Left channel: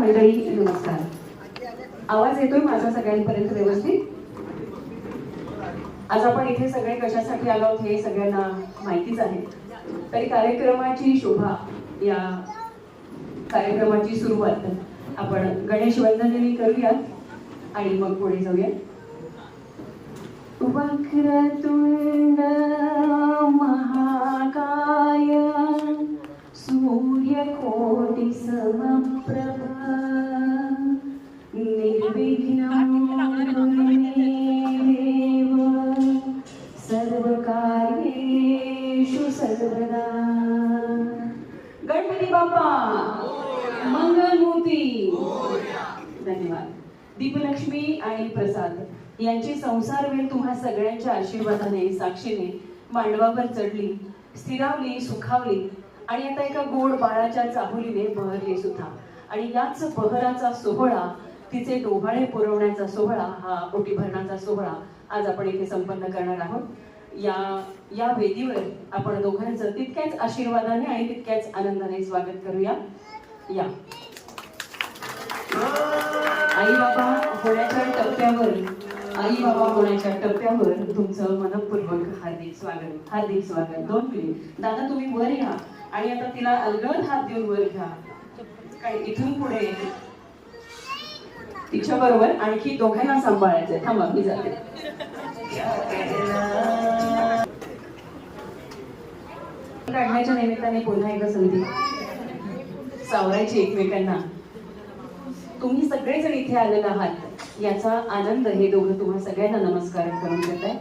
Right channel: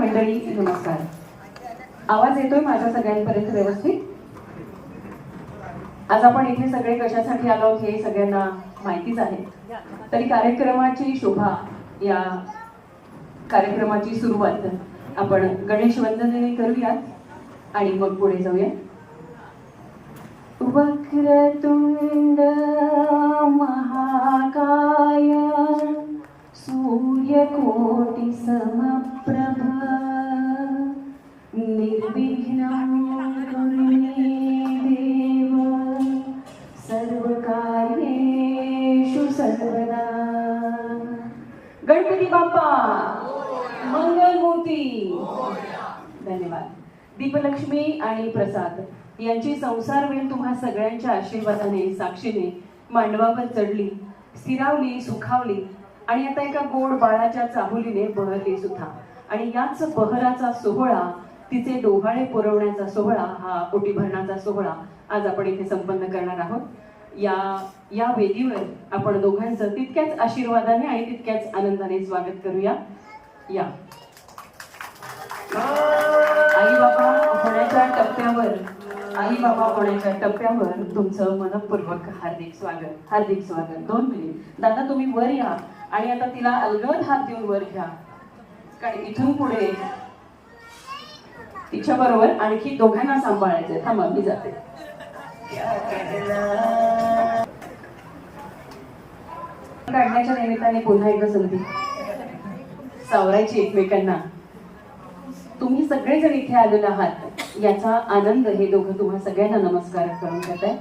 मंडळी नमस्कार. आवाज येतोय माझा सगळ्यांपर्यंत व्यवस्थित? आज आपण इथे सगळे कशासाठी आलो आहोत हे सगळ्यांना माहितीच आहे. तरी कार्यक्रमाची शोभा, या कार्यक्रमाची सुरुवात आपण गणेश वंदनेने करूया आणि मग पुढे जाऊया. वक्रतुंड महाकाय सूर्यकोटि समप्रभ निर्विघ्नं कुरु मे देव सर्वकार्येषु सर्वदा. गणपती बाप्पा मंगलमूर्ती. धन्यवाद. दीपलक्ष्मी आणि प्रसाद यांची संसारवेल तुम्हा सगळ्यांच्या आशीर्वादाने साक्षीने मांडवावर चढली, स्थिरावली, सुखावली आणि आता एका गोड बाळाच्या चाहुलीने बहरली सुद्धा. आणि याच बहराचा सोहळा, तिचे डोहाळे पुरवण्याचा सोहळा, हा ओटी भरण्याचा सोहळा आज आपण इथे संपन्न करणार आहोत. या वेदीवर आपण दोघांचं तितक्याच आशीर्वादाने आणि तितक्याच आनंदाने स्वागत करूया. या आई बाबा होण्याच्या टप्प्यावर तुमचं मनपूर्वक हार्दिक स्वागत. हार्दिक स्वागत. 2 मिनिट दादा, तुम्ही वर या आणि आता तिला अलगद हात देऊन वर घ्या. काय इथून पुढे तिच्या बरोबर आणखी दोघांना सांभाळायचंय. थांबा, मी जाते. काढण्याच्या निमित्ताने पुन्हा एकदा संधी सावरायची एकमेकांना. तुम्ही सगळेजण इथे आलेले आहात याचा आनंद हे दोघं तुम्हा सगळ्यांना नमस्कार करून घेत आहे.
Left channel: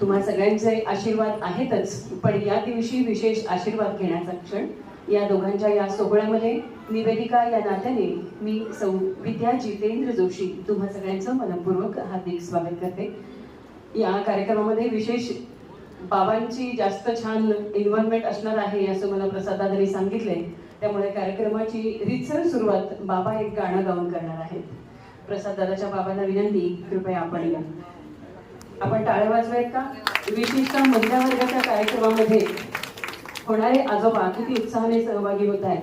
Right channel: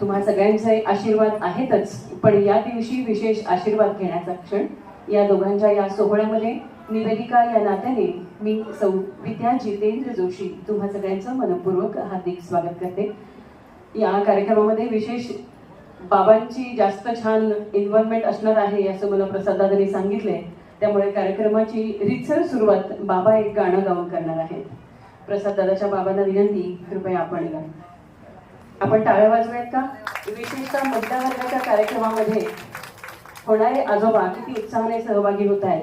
तुम्हा सगळ्यांचे आशीर्वाद आहेतच, पण या दिवशी विशेष आशीर्वाद घेण्याचा क्षण. या दोघांच्या या सोहळ्यामध्ये निवेदिका या नात्याने मी सौ विद्या जितेंद्र जोशी तुम्हा सगळ्यांचं मनपूर्वक हार्दिक स्वागत करते. या कार्यक्रमामध्ये विशेष बाबांची जास्त छान इन्व्हॉल्वमेंट असणार आहे असं मला प्रसाद दादांनी सांगितलंय. त्यामुळे कार्यक्रमाची रीतसर सुरुवात बाबा एक गाणं गाऊन करणार आहेत. प्रसाद दादाच्या बाबांना विनंती, कृपया आपण टाळ्या वाजवेत का? विशिष्ट महिला वर्गाच्या कार्यक्रमामध्ये होणारे आजोबा किती उत्साहाने सहभागी होत आहेत.